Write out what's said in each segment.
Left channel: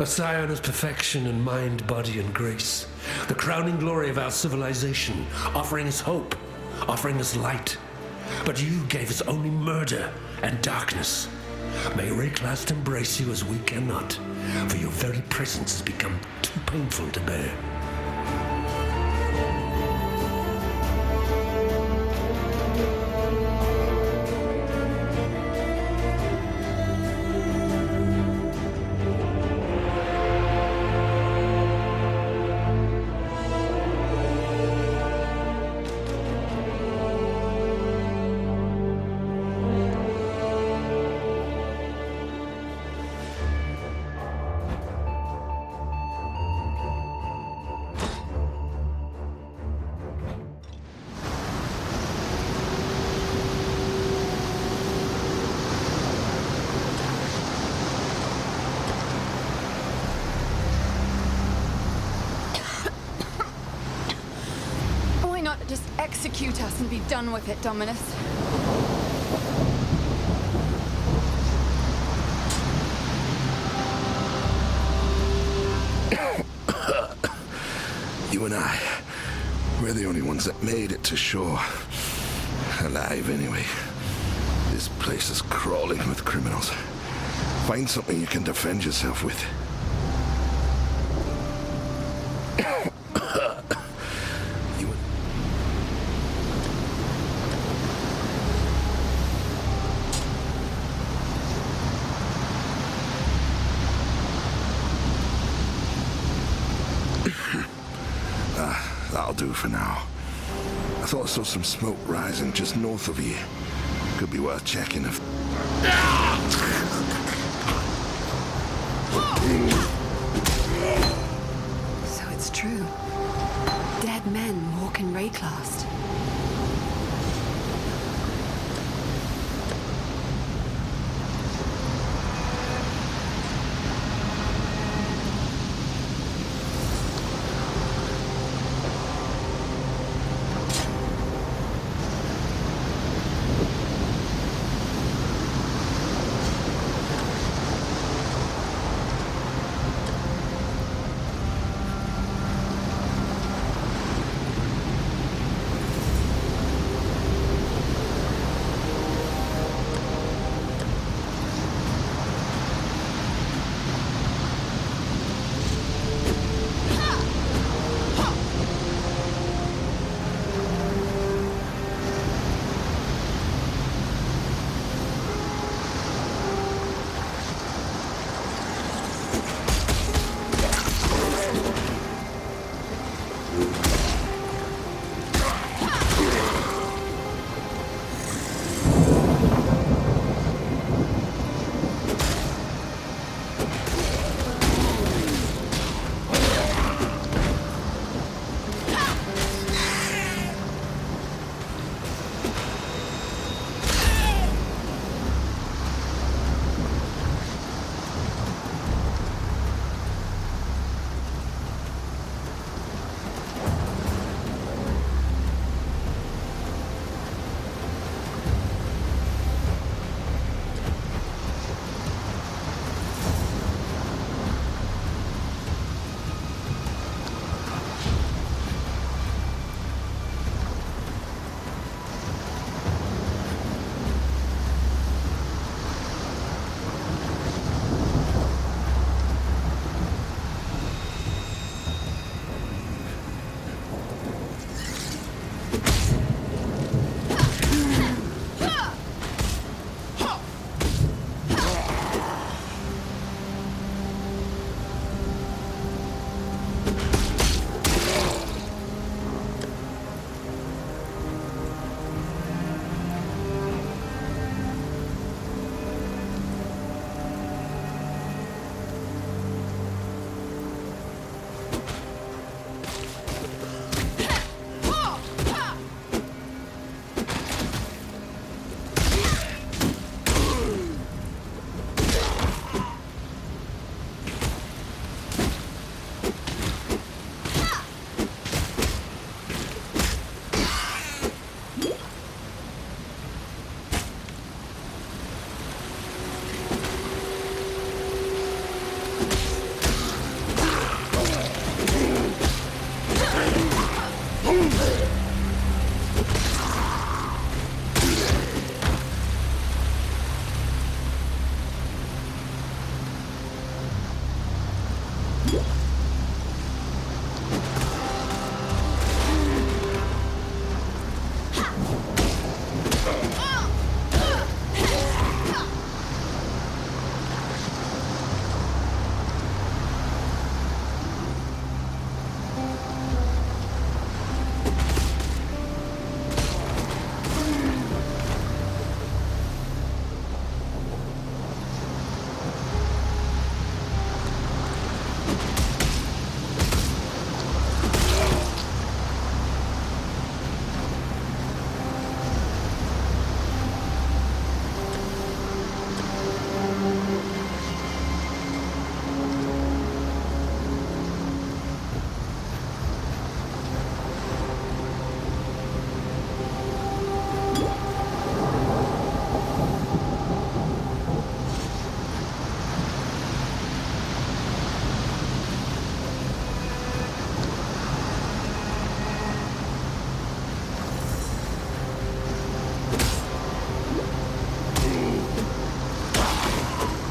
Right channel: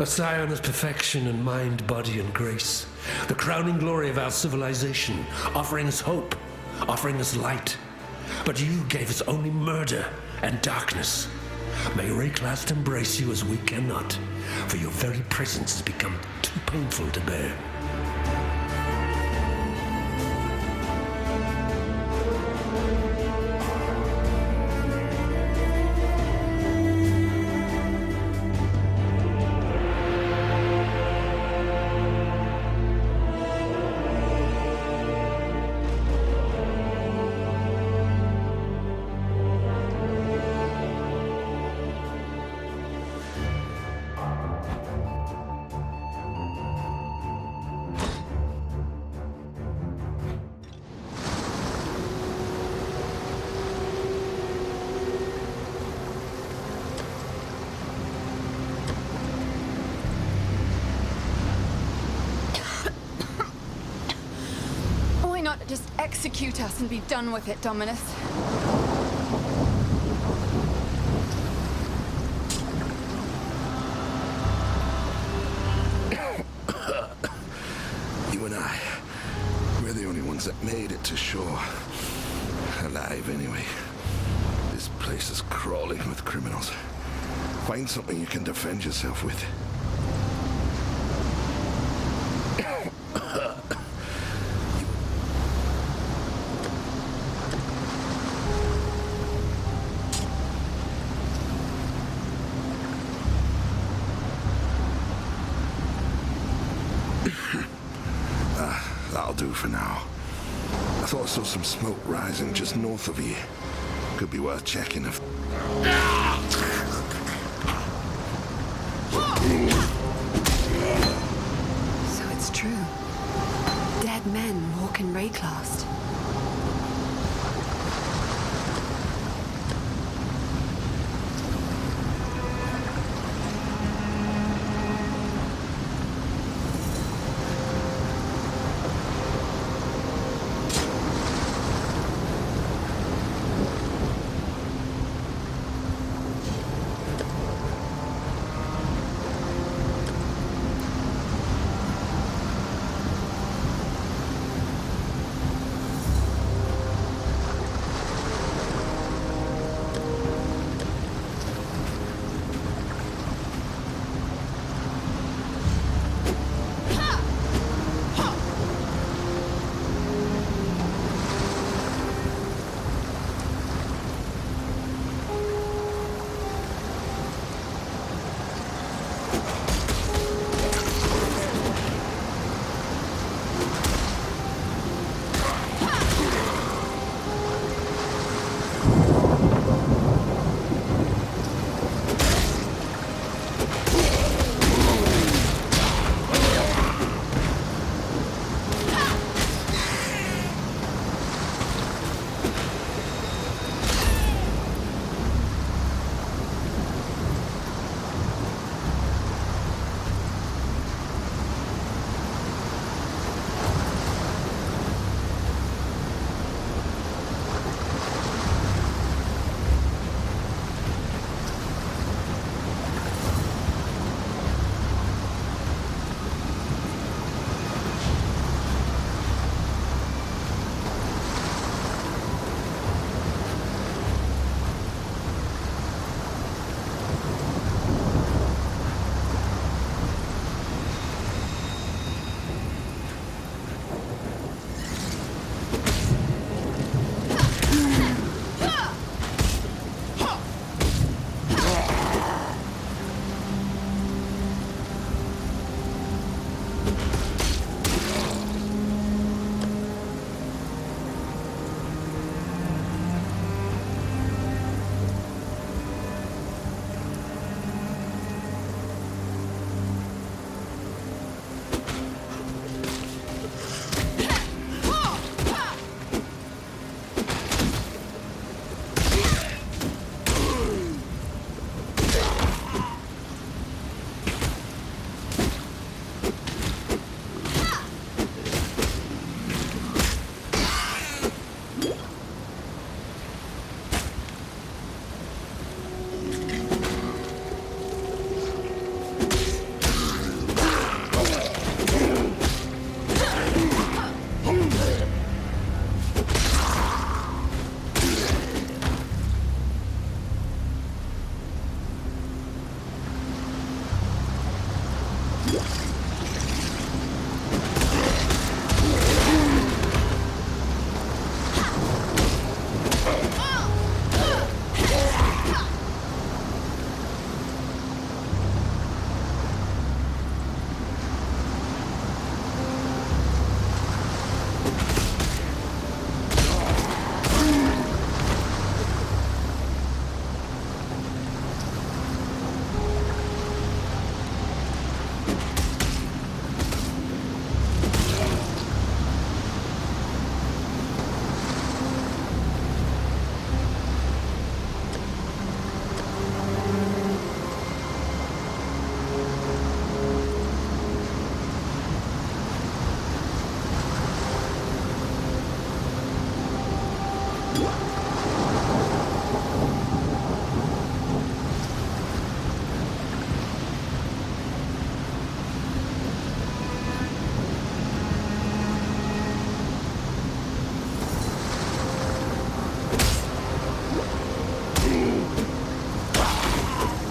A scion of perfection in mind, body, and grace. The crowning glory of our civilization, offering us hope, offering us light. But you gave us only murder and darkness. May Rayclast embrace you as we cannot, for your very presence has become too painful to bear. Why not just execute us and be done with it, Dominus? You and I, we're the only ones that made it to shore. Alive, anyway. This place is crawling with criminals. Find something you can defend yourself with. That'll do for now. I thought I saw some smoke rising just north of here. Could be worth checking if... So it's true. Dead men walk in Rayclast.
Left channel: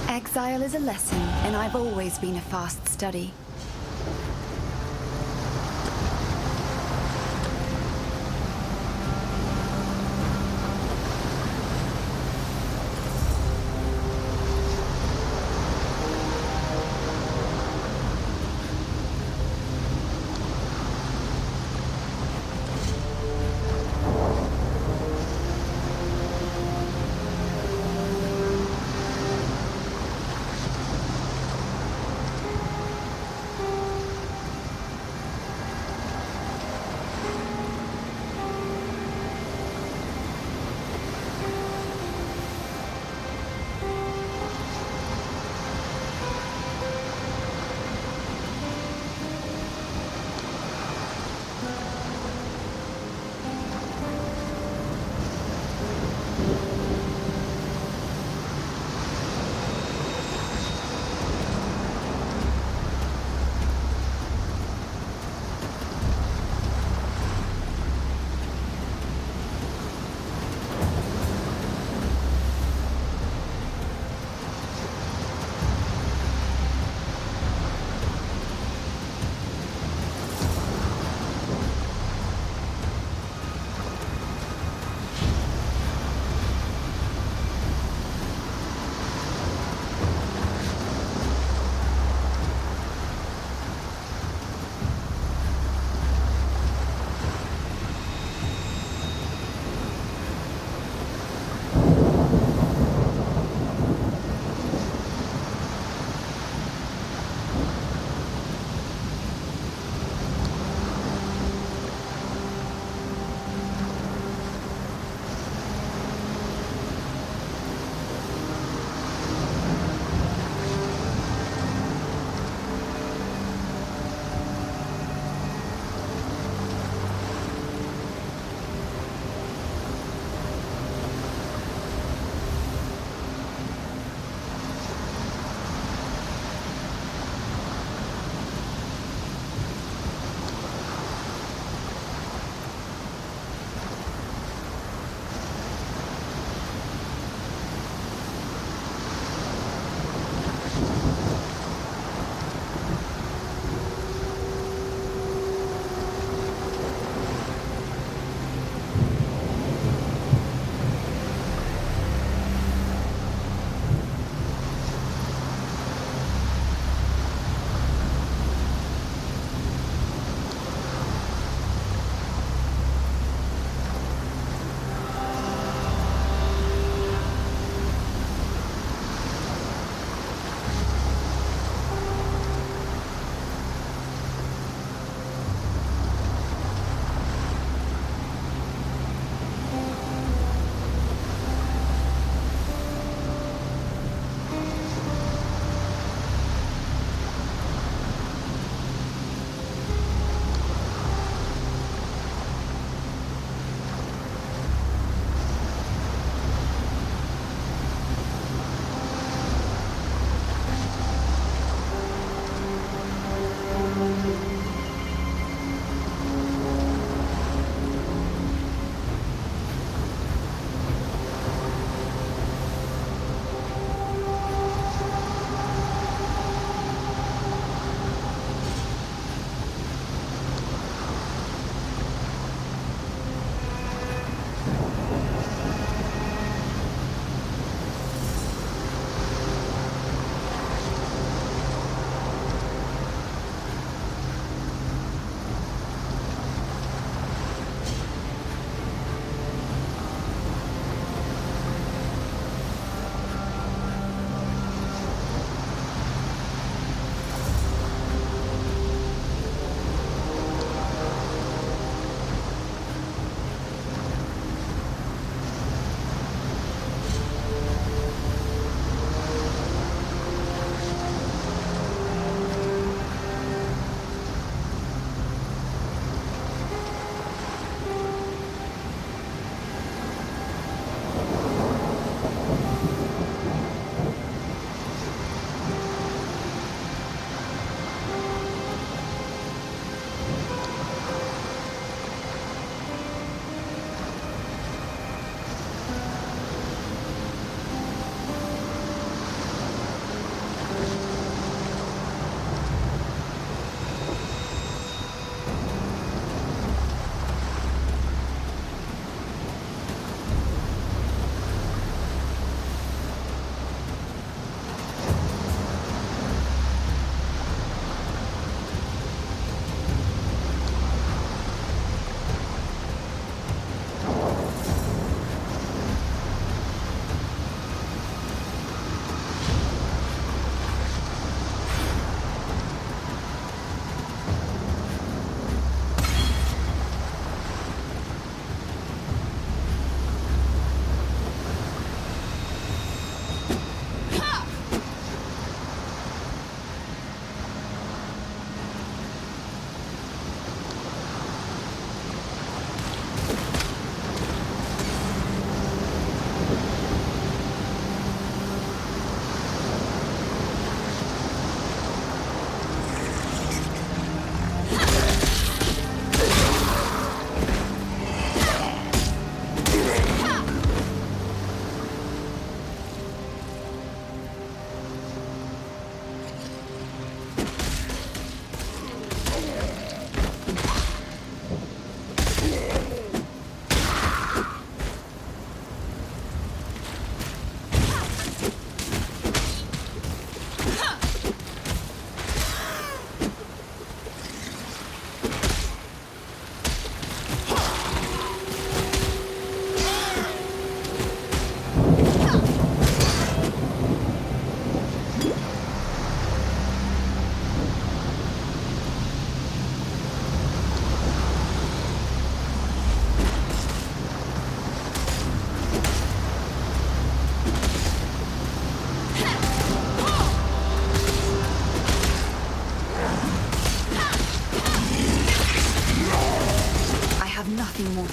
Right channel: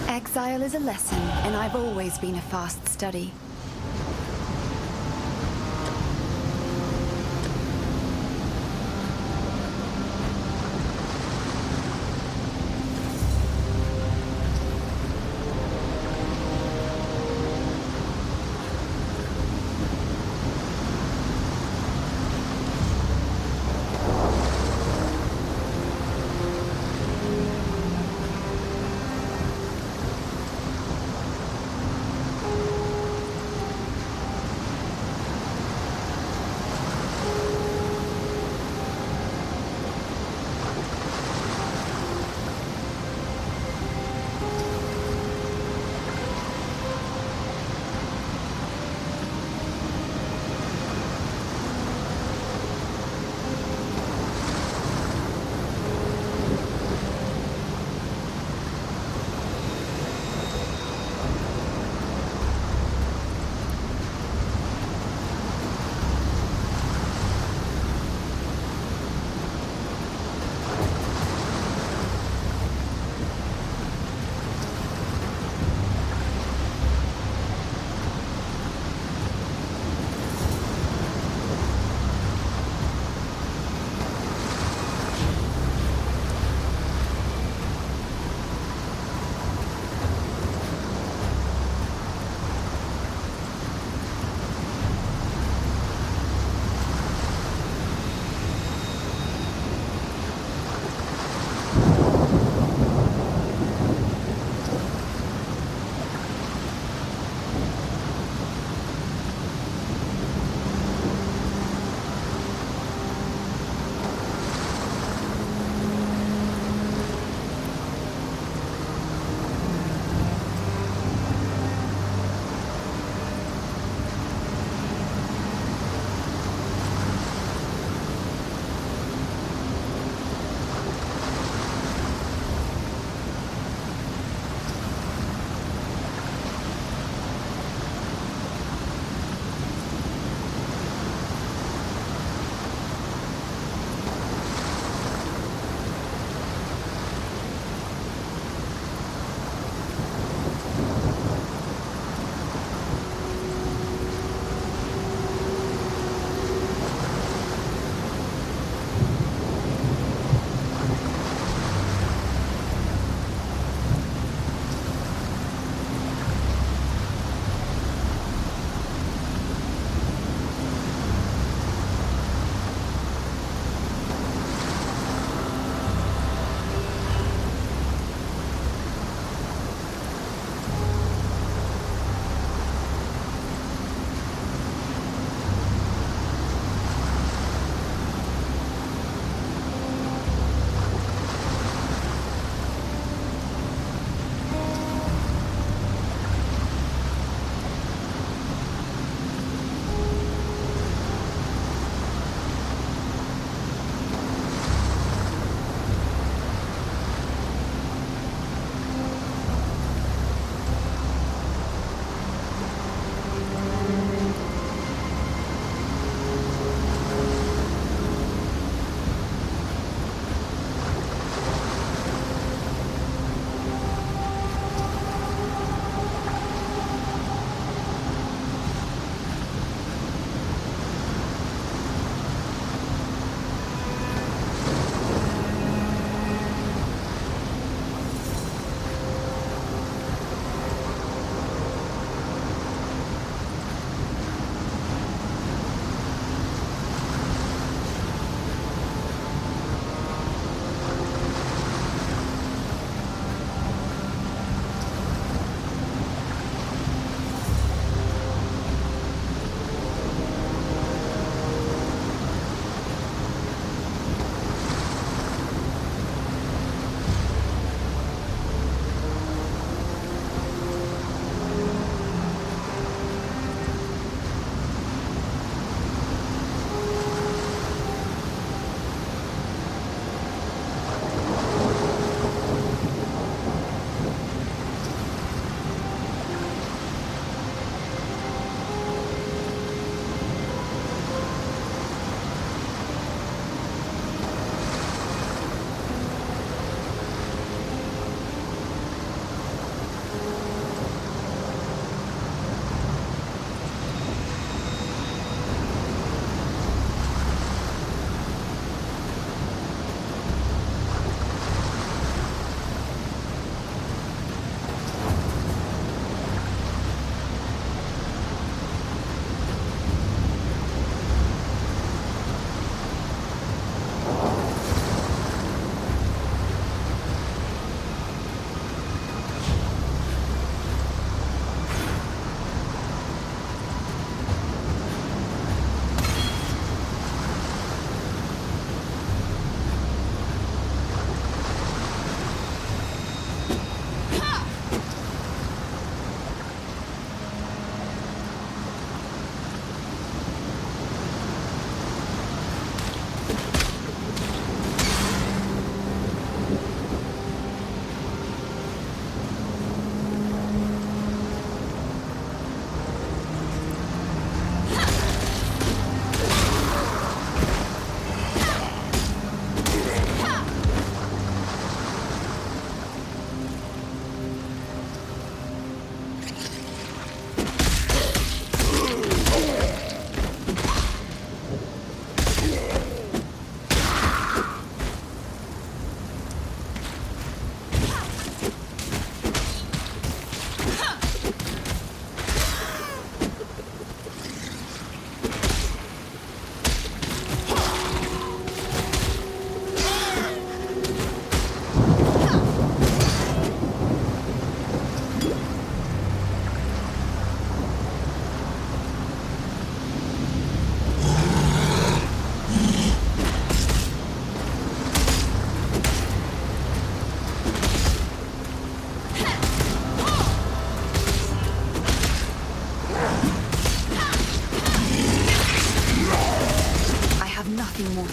Exile is a lesson, and I've always been a fast study.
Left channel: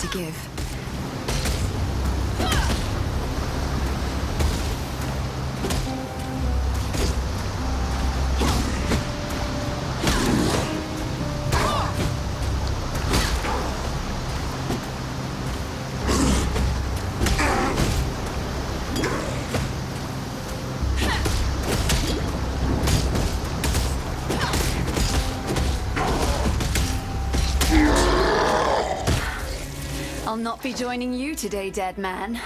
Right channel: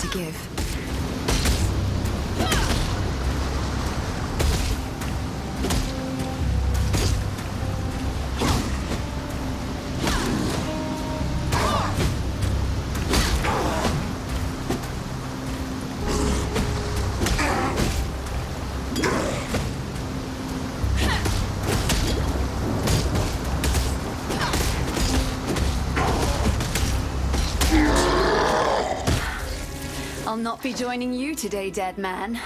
to give. I'll not be joining you today, dead man.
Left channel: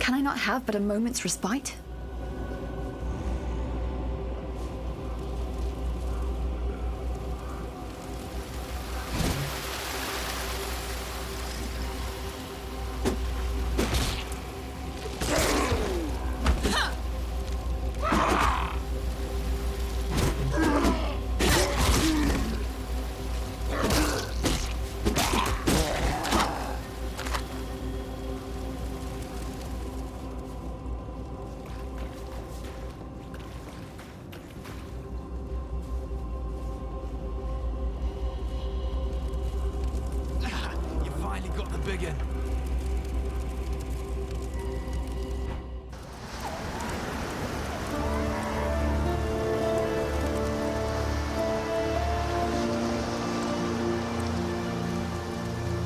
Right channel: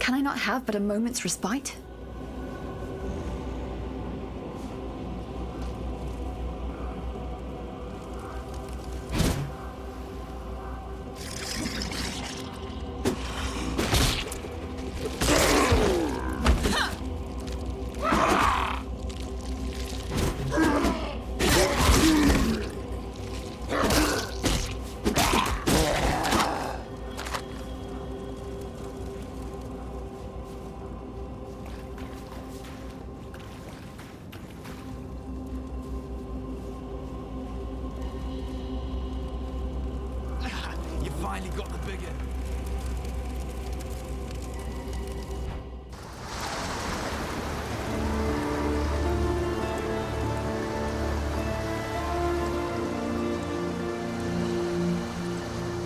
Can I not have but a moment's respite? Finally got the big one.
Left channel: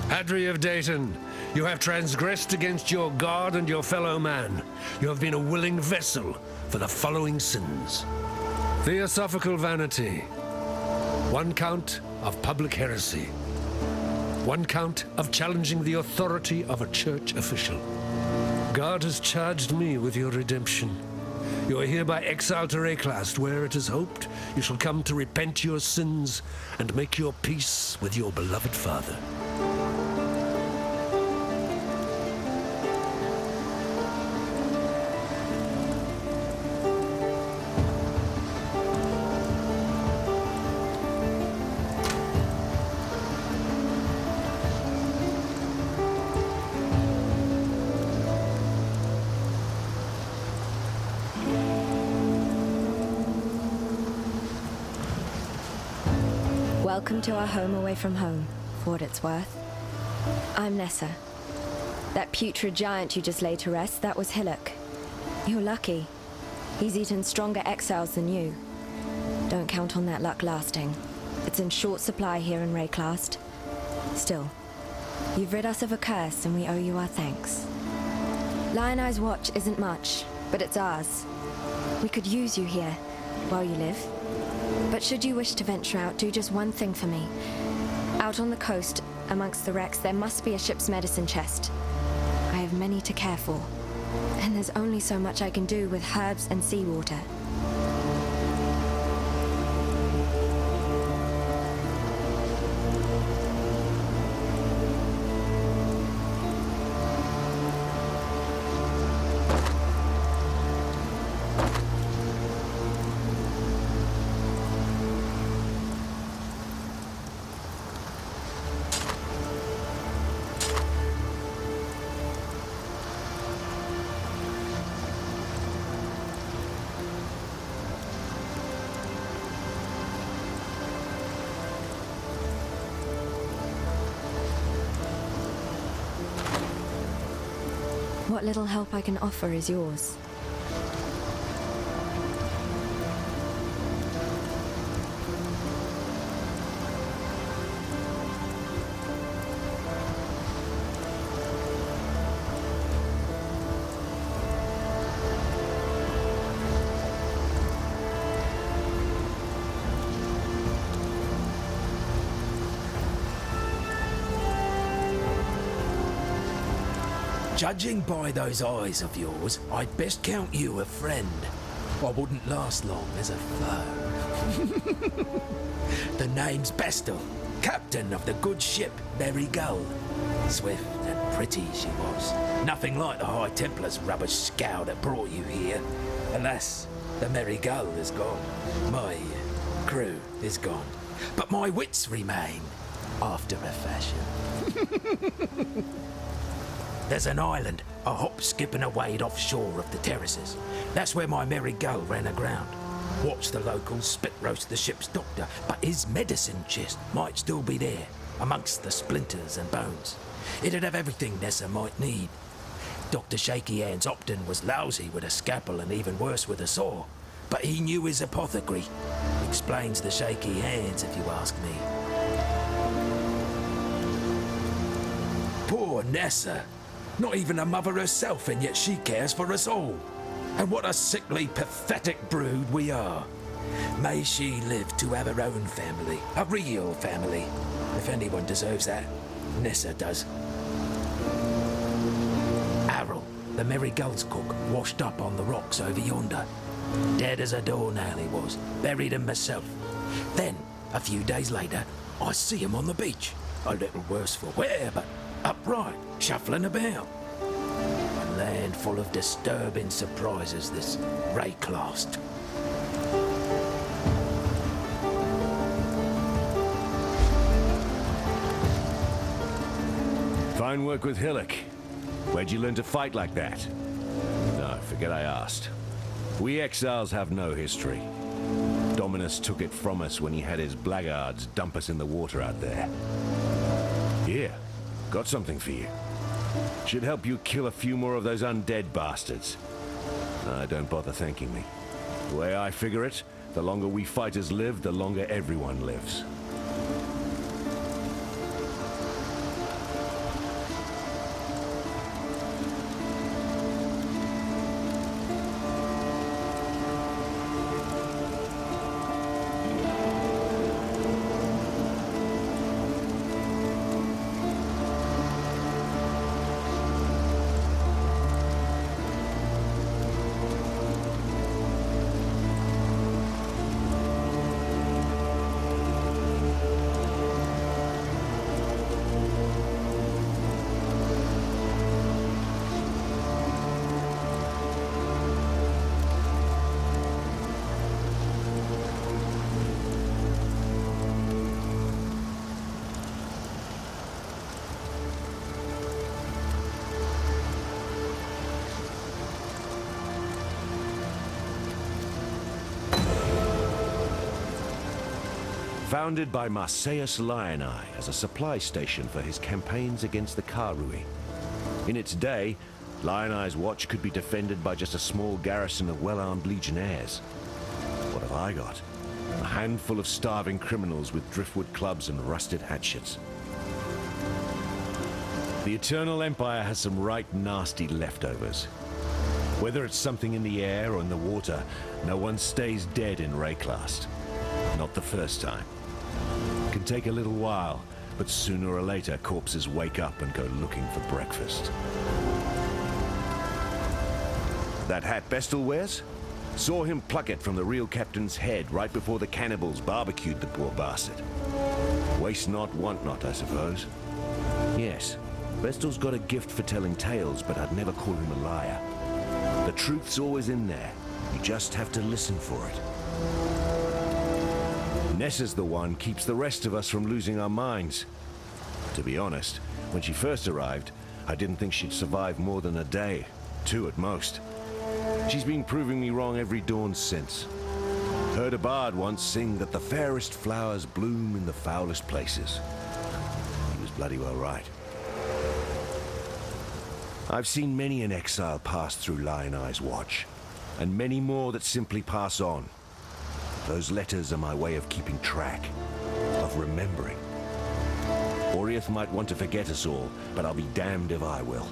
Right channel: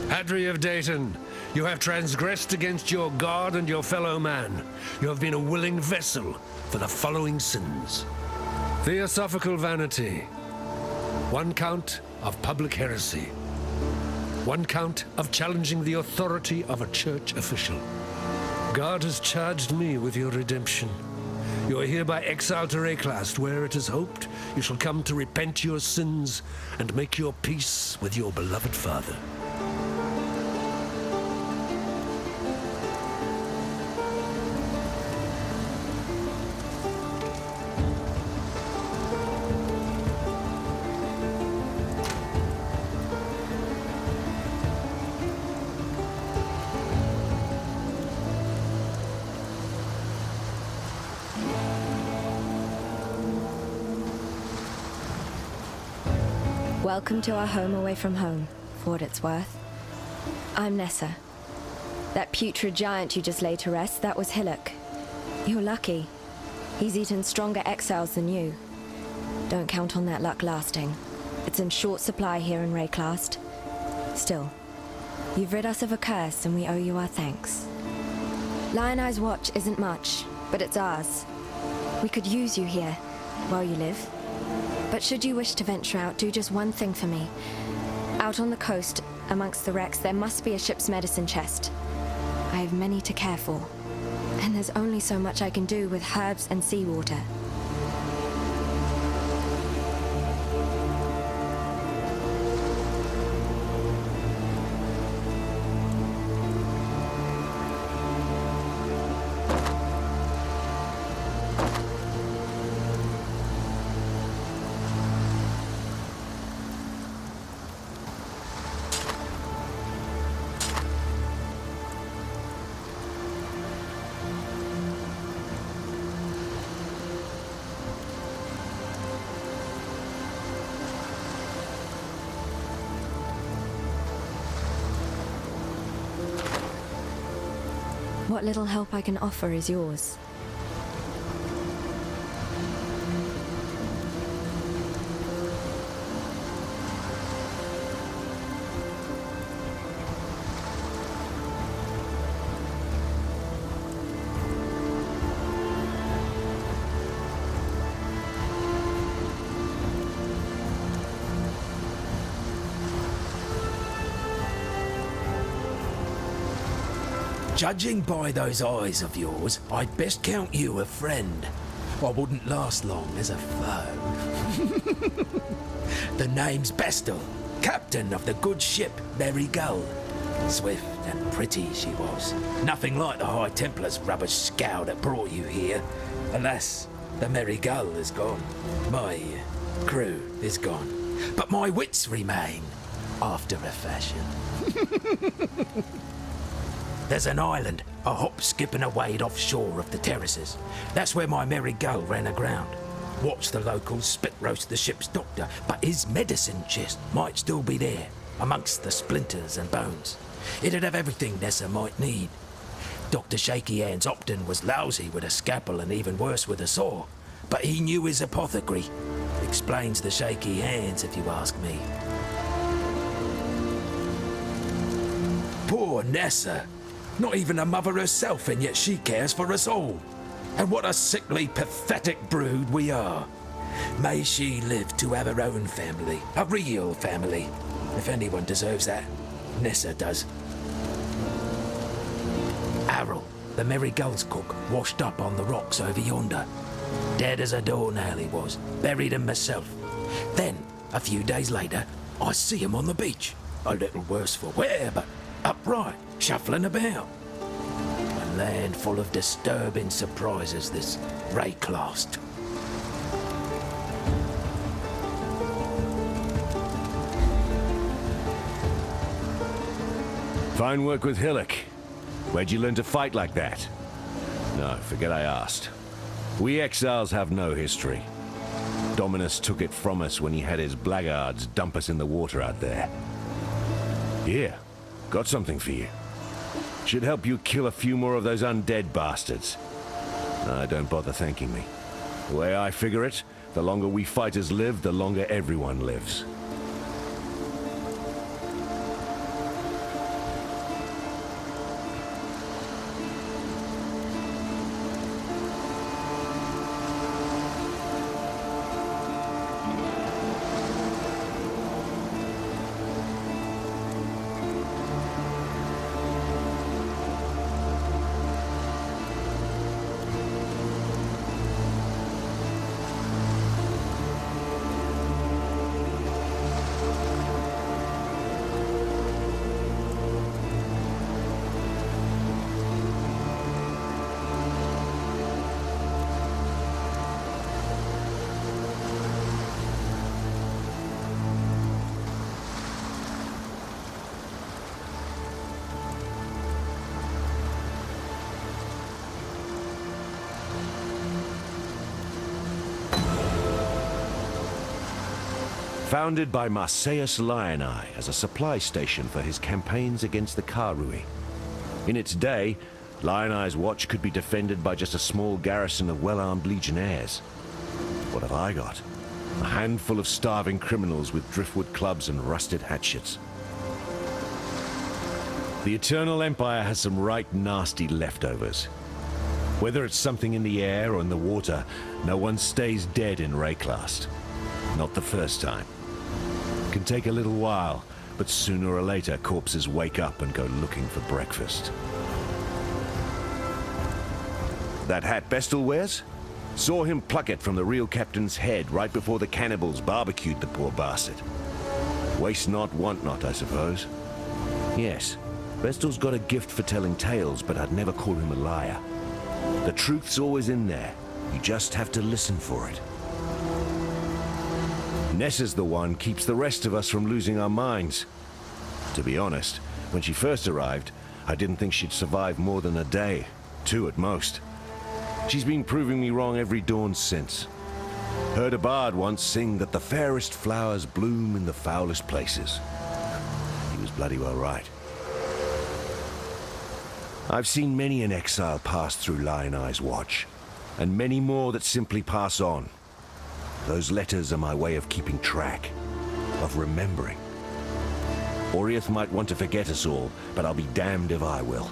Hadri of Dayton, you have transgressed against your God and your fellow man. You have been a willing vessel for the following sins. Theosophical vanity. 1 count of public heresy. 1 count of challenging the authority of a church official. God has charged me with your redemption. You are hereby exiled to Rayclast, where it is hoped you shall come to repent your sins and make your peace with your beloved Father. Welcome to our home away from home, for what it's worth. I'm Nessa. That putrid giant you just laid to rest, that was Hillock. You're lucky. He's eaten stronger exiles than you. Don't count on that luck lasting. It's in short supply here in Rayclast. Still, you've rid us of a curse and we owe you our thanks. Lion Eye's watch isn't much, but it's ours. We could use you here, while you live. But should you wish to venture out, do just one thing for me. Out on the coast, amongst the wrecks, there must be a ship's medicine chest. I have many to care for, and there's only so much I can do with herbs and seawater. What little help I can offer is yours. Judging by those eyes of yours, I'd best count you a friend. I wouldn't last long as a foe. The name's Bestel, captain of the good ship Merry Gull. Swift and pretty she was. Nothing like the High Templar's rubbish scow that brought you here. Alas, the Merry Gull is gone. My crew is gone. But my wits remain, after a fashion. There's an island, a hop, skip and a wade offshore of the terraces. That's where my Merry Gull ran aground. Watched the locals spit roast the ship's doctor, but his medicine chest might still be there, amongst the splinters and bones. It'd have everything Nessa might need. Dr. Shaky Hands Opton was lousy with a scalpel and even worse with a saw, but he knew his apothecary. Explains the shaky hands, if you ask me. Poor Nessa. Not even a mother herself, and yet she cares for us all. And what a sickly, pathetic brood we are. May she live to have her own family, a real family. If anyone deserves that, Nessa does. Errol, the Merry Gull's cook, washed up on the rocks over yonder. Dead as a doornail he was, buried him myself. Then, a few days later, I see him on the beach. A little worse for wear, but upright, shuffling about. A land full of disturbing surprises, this Rayclast. Fine work with Hillock. Where'd you learn to fight like that? No, forget I asked. We exiles have no history. Dominus took it from us when he had his blackguards dump us in the water out there. Here, got something for you. Should help you kill a few more of those undead bastards. No, don't bother thanking me. The way I figure it, the longer we fighters live, the longer everyone lives. Founded by Marseus Lioneye as a supply station for his campaigns against the Karui. In its day, Lioneye's watch could be defended by just a small garrison of well-armed legionnaires. What have I got? A handful of starving criminals with driftwood clubs and rusted hatchets. The Eternal Empire has some right nasty leftovers. Whether it's something in the air or in the water, no one stays dead in Rayclast. Not the first time. Can take a little while, but sooner or later corpses wake up and go looking for breakfast. That hat Bestel wears? Saw him pluck it from the real captain's head right before the cannibals barbecued the poor bastard. Waste not, want not, I suppose. Yes, Bestel's got a gift for telling tales, but I'd never call him a liar. The truth's always in there. You just have to listen for it. Nessa's the one keeps the rest of us from losing our minds. To be honest, when she first arrived, I didn't think she'd survive more than a day, 2 at most. She's been proving me wrong every dawn since. Heard a bard once sing that the fairest flowers bloom in the foulest places. He was bloody well right. I've seen many an exile pass through Lioneye's watch, and many more that simply pass on. Those letters are my way of keeping track, of remembering. Oriath might want to forget us all, but I'll be damned if I will.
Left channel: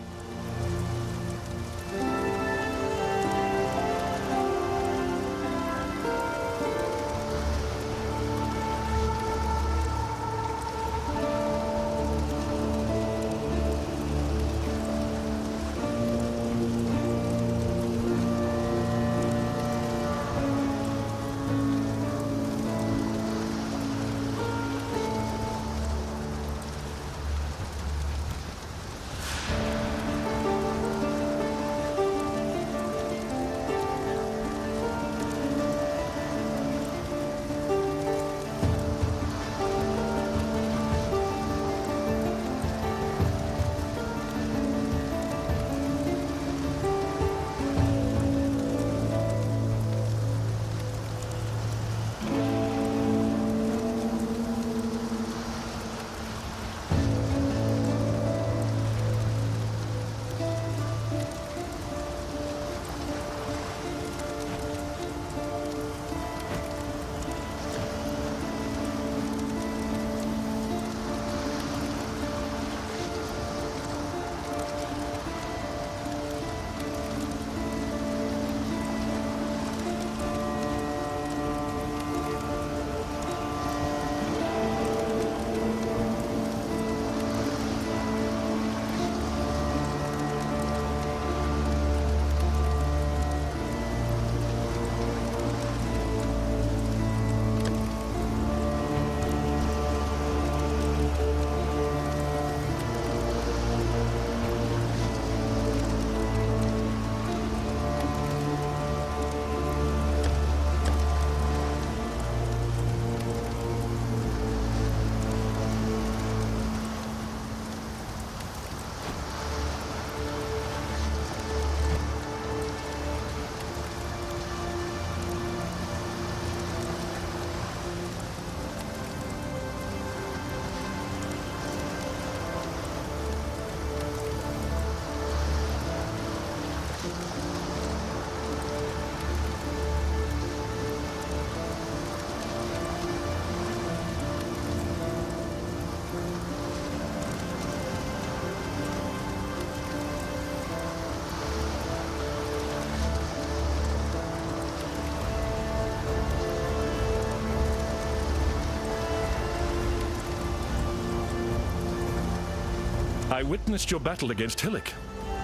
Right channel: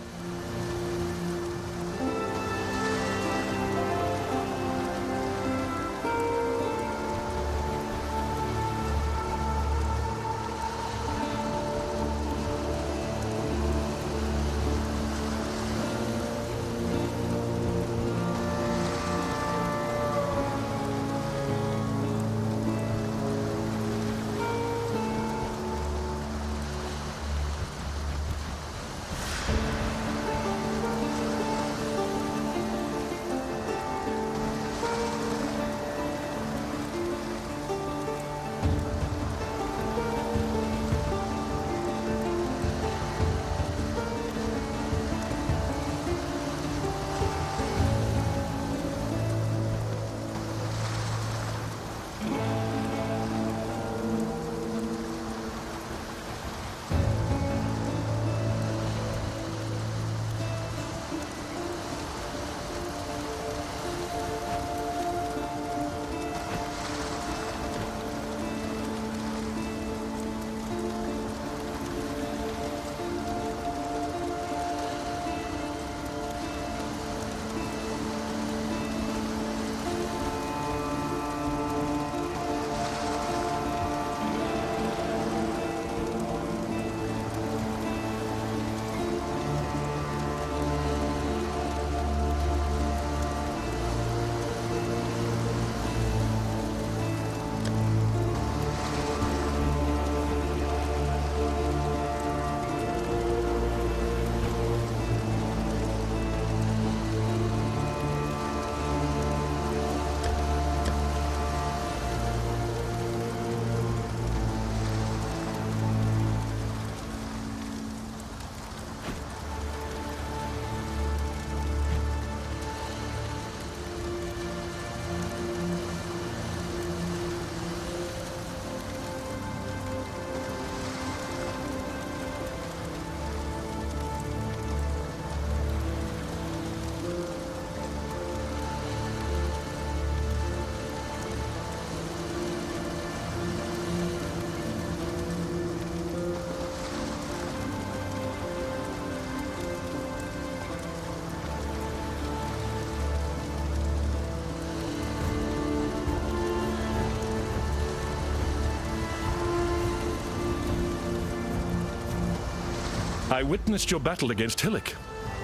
I witnessed your battle against Hillock.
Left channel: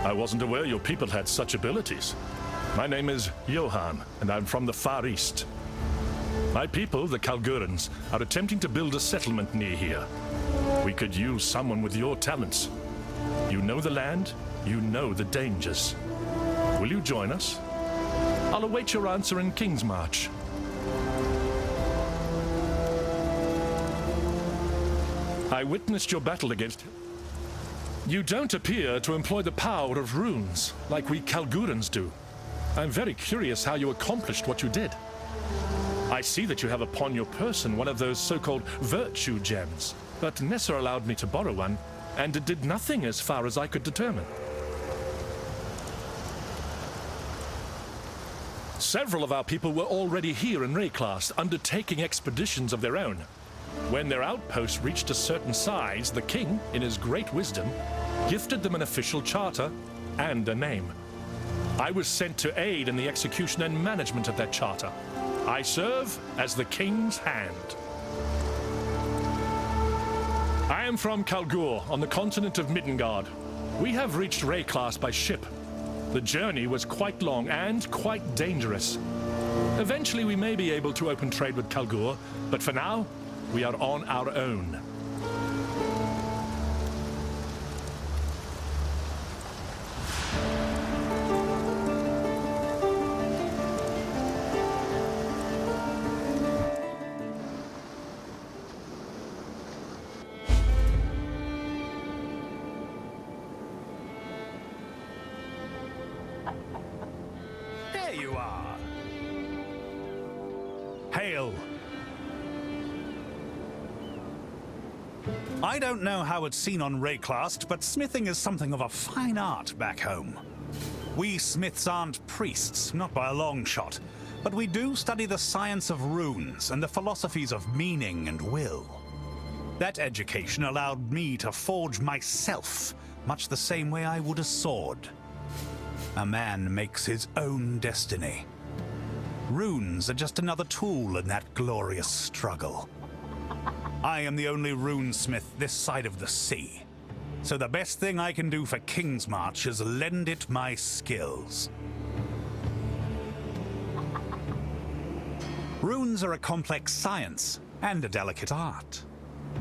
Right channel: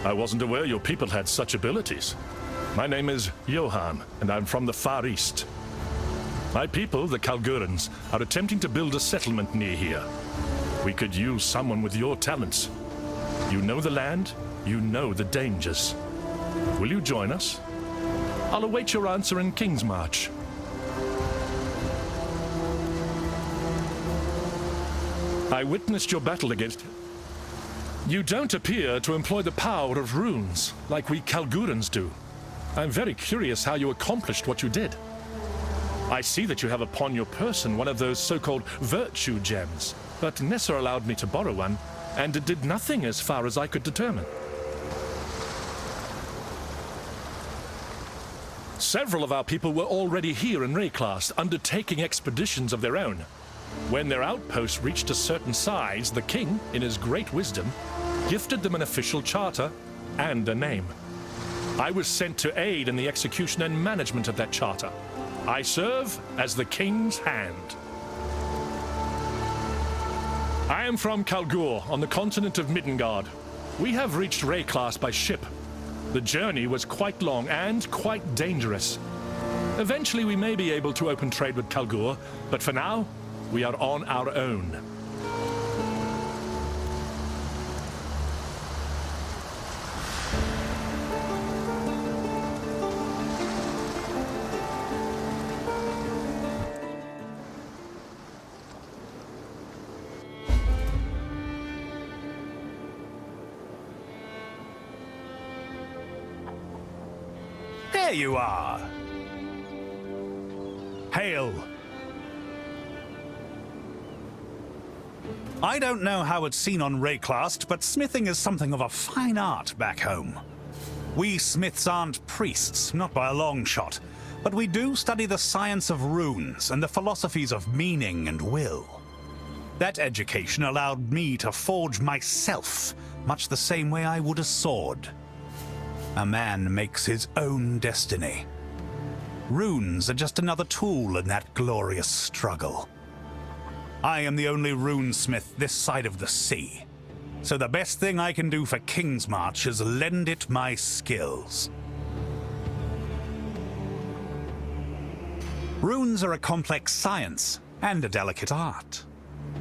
I wasn't aware your people had such abilities. My name is Johan, and I'm from the Far East. My people, the Kalguurans, are attempting to build a settlement near here. We could use someone with your talents. You know the land, you know the dangers. Will you join us? I'll await your answer in King's March. I witnessed your battle against... You don't appear to employ the power of runes, like we Kalguurans do. I'm very curious how you accomplished what you did. I see that you have upon your person one of those so-called virtue gems, but Nessa allowed me to borrow one, and it did nothing as far as I could determine. Several of our people were already here in Rayclast, undertaking expeditions of their own. When their outpost reached a certain size, the king, in his great wisdom, gifted them an official charter and a name. I was sent to aid in the execution and management of that charter. I serve as the king's hand. I am from Kalguur, on the continent of Midgard. We have reached Rayclast by ship. The journey was quite long and quite dangerous. Eventually we may be able to open trade with Kalguur, but for now, we are on our own. There you are. Hail. I don't know how it's seen on Rayclast, but smithing is something of a fine art back home. We smiths aren't priests, not by a long shot, but we do study the science of runes and the philosophies of meaning and will. That education allowed me to forge myself, much the same way I would a sword. A man makes his own destiny. Runes are just another tool in that glorious struggle. I am the only runesmith this side of the sea, so the best thing I can do for King's March is lend it my skills. Runes are a complex science and a delicate art.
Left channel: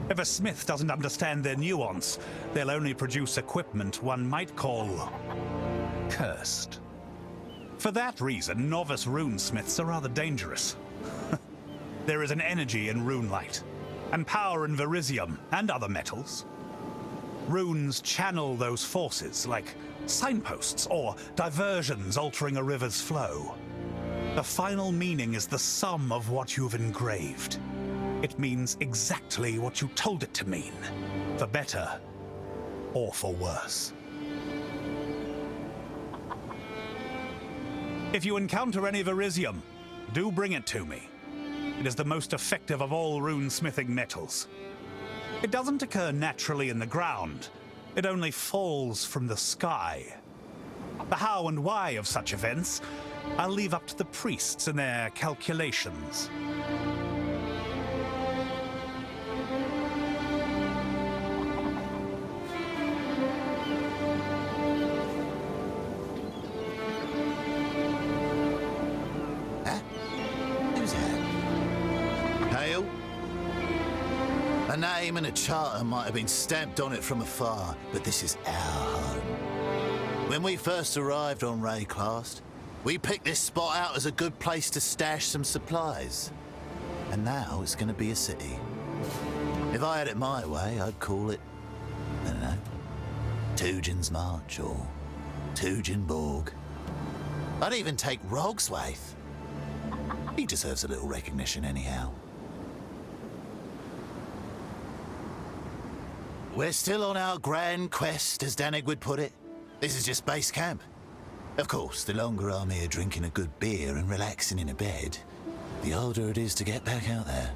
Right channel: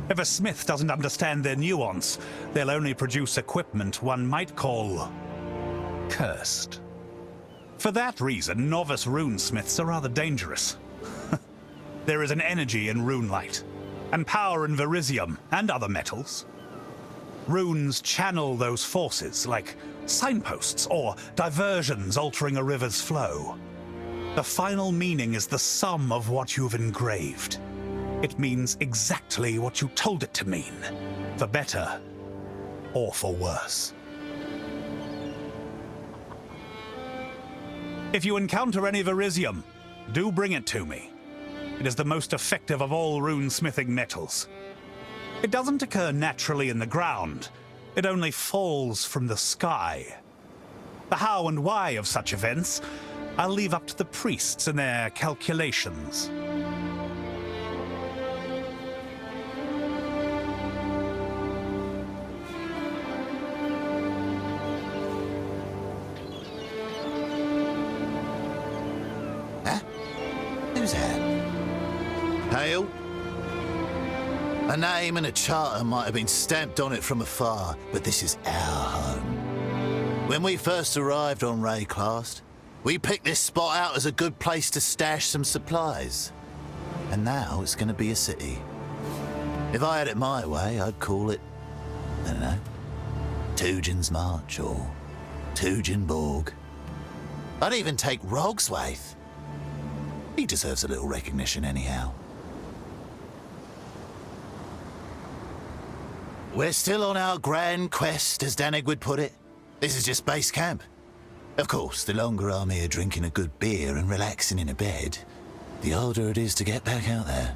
If a smith doesn't understand their nuance, they'll only produce equipment one might call cursed. For that reason, novice runesmiths are rather dangerous. There is an energy in runelight, and power in verisium and other metals. Runes channel those forces, like signposts or diversions altering a river's flow. The final meaning is the sum of what you've engraved. It means exactly what you told it to mean, for better or for worse. If you encounter any verisium, do bring it to me. It is the most effective of all runesmithing metals. It doesn't occur naturally in the ground. It only falls from the sky. The how and why of such events, I'll leave up to the priests and their calculations. Who's that? Hail? A name and a charter might have been stamped on it from afar, but this is our home. When we first arrived on Rayclast, we picked this spot out as a good place to stash some supplies. And now it's going to be a city. If I had it my way, I'd call it, I don't know, Tugin's March or Tuginborg. I'd even take Rogswaith. He deserves a little recognition anyhow. We're still on our grand quest, as Danig would put it. This is just base camp. Of course, the longer I'm here drinking a good beer and relaxing in a bed, the harder it is to get back out there.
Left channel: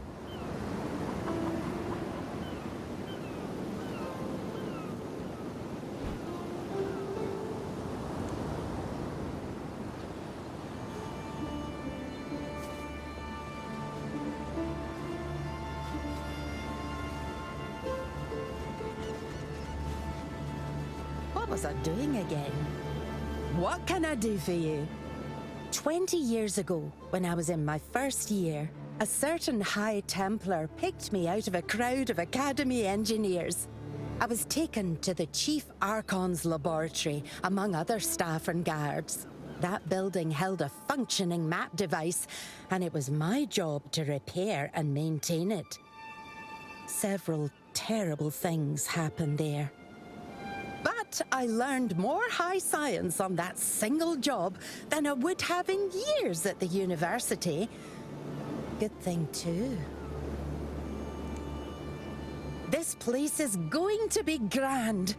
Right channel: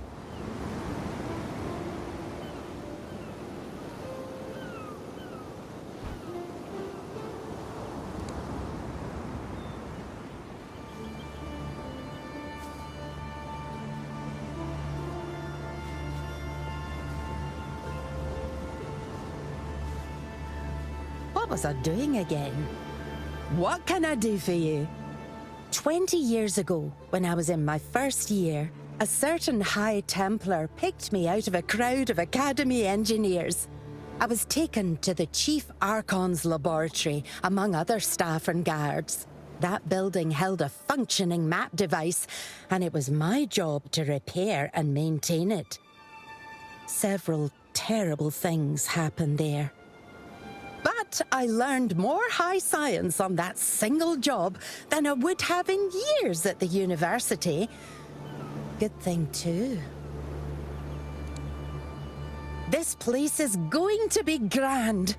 What was I doing again? What can I do for you? 20 years ago, when I was in my first year, a certain High Templar picked me out of a crowd of Academy engineers. I was taken to the Chief Archon's laboratory, among other staff and guards. That building held a functioning map device, and it was my job to repair and maintain it. Several terrible things happened there. But I learned more high science on that single job than I would have in years at the university. Good thing, too. This place is going to be grand.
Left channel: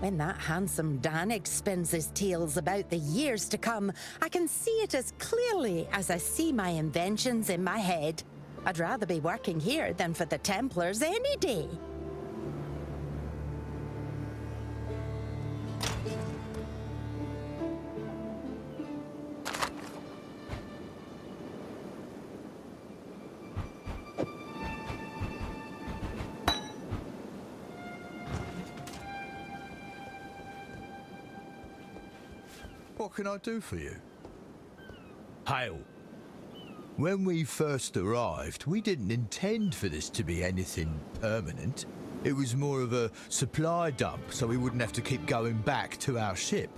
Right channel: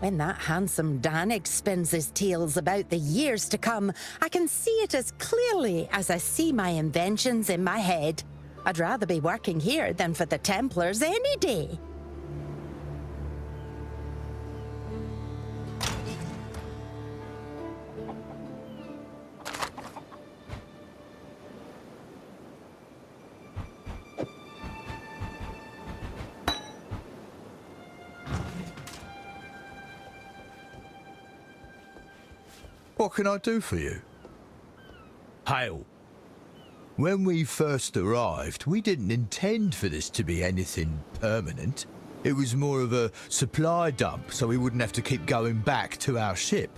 When that handsome Danik spins his tales about the years to come, I can see it as clearly as I see my inventions in my head. I'd rather be working here than for the Templars any day. What can I do for you? Hail. When we first arrived, we didn't intend for this to be anything permanent. It was more of a supply dump, so we wouldn't have to keep going back to our ship.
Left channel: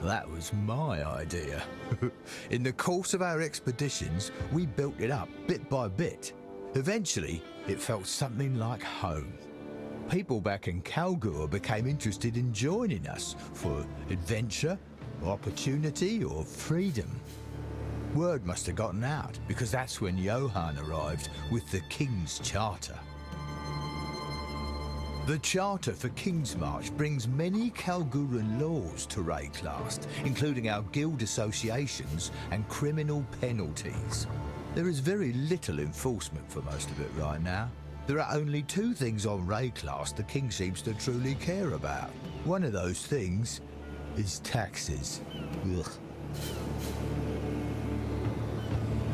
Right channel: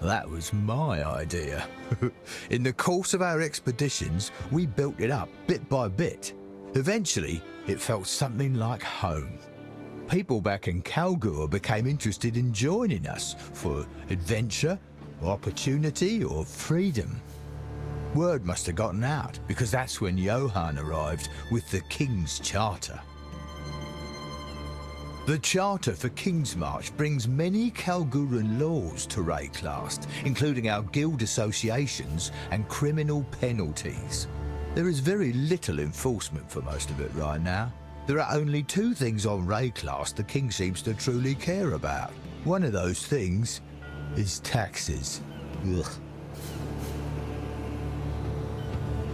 That was my idea. In the course of our expeditions, we built it up bit by bit. Eventually, it felt something like home. People back in Kalguur became interested in joining us for adventure, opportunity, or freedom. Word must have gotten out, because that's when Johann arrived with the King's Charter. The Charter for King's March brings many Kalguuran laws to Rayclast, including our guild associations and criminal penalties. There is very little enforcement for most of it right now. There are only two things on Rayclast the King seems to truly care about. One of those things is taxes. Ugh.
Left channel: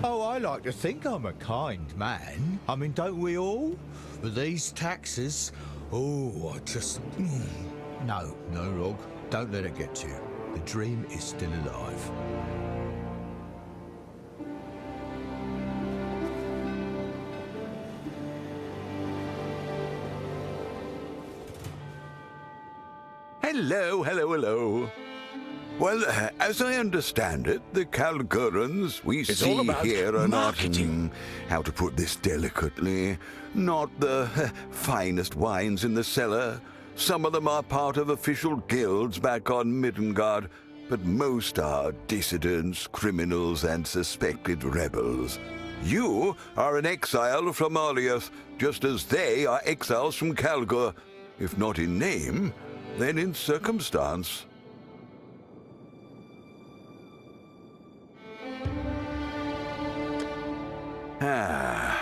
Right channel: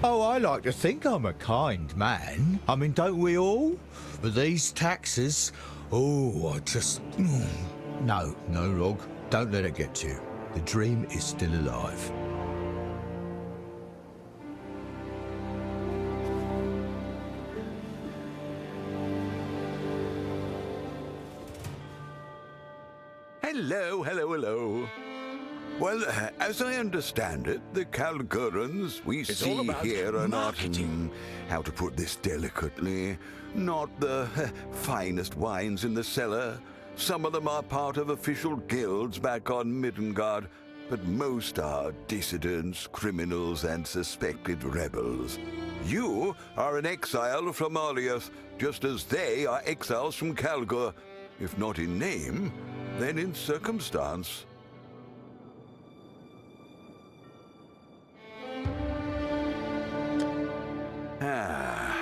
Oh, I like to think I'm a kind man. I mean, don't we all? But these taxes, oh, I just... No, Rog, don't let it get to you. The dream is still alive. Hello. Well, as I understand it, the Kalguurans we see here are not, how to put this delicately, not the finest wines in the cellar. Some of them are part of official guilds back on Middengard, but most are dissidents, criminals, and suspected rebels. You are an exile from Aliath, just as they are exiles from Kalguur, if not in name, then in circumstance.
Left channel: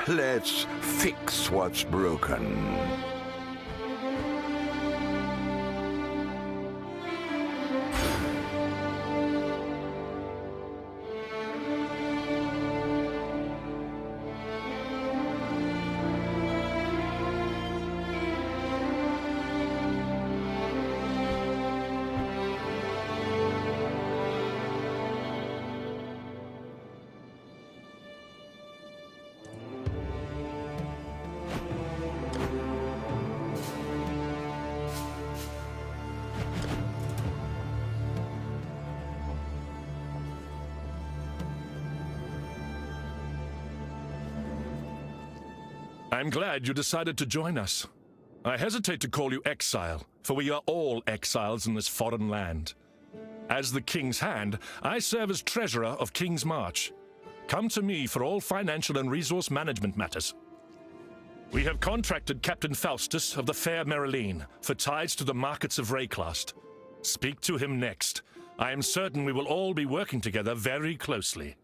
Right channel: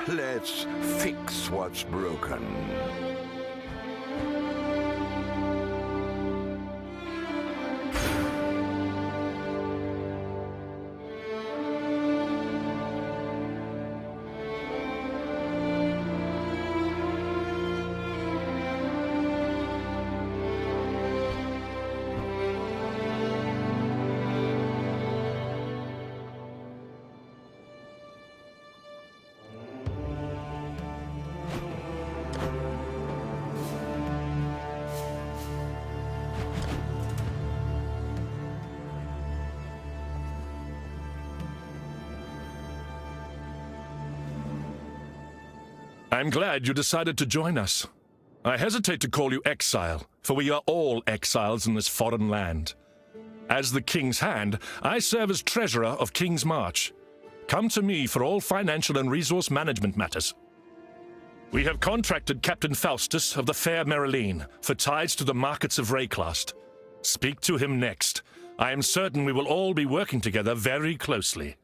Let's fix what's broken. I'm glad you decided to join us. I hesitate to call you exile, for we are all exiles in this foreign land. As the King's Hand, I serve as treasurer of King's March. Come to me for all financial and resource management matters. We have contracted Captain Faustus of the Fair Mereline for ties to the markets of Rayclast. Speak to him next. I am certain we will all be working together very closely.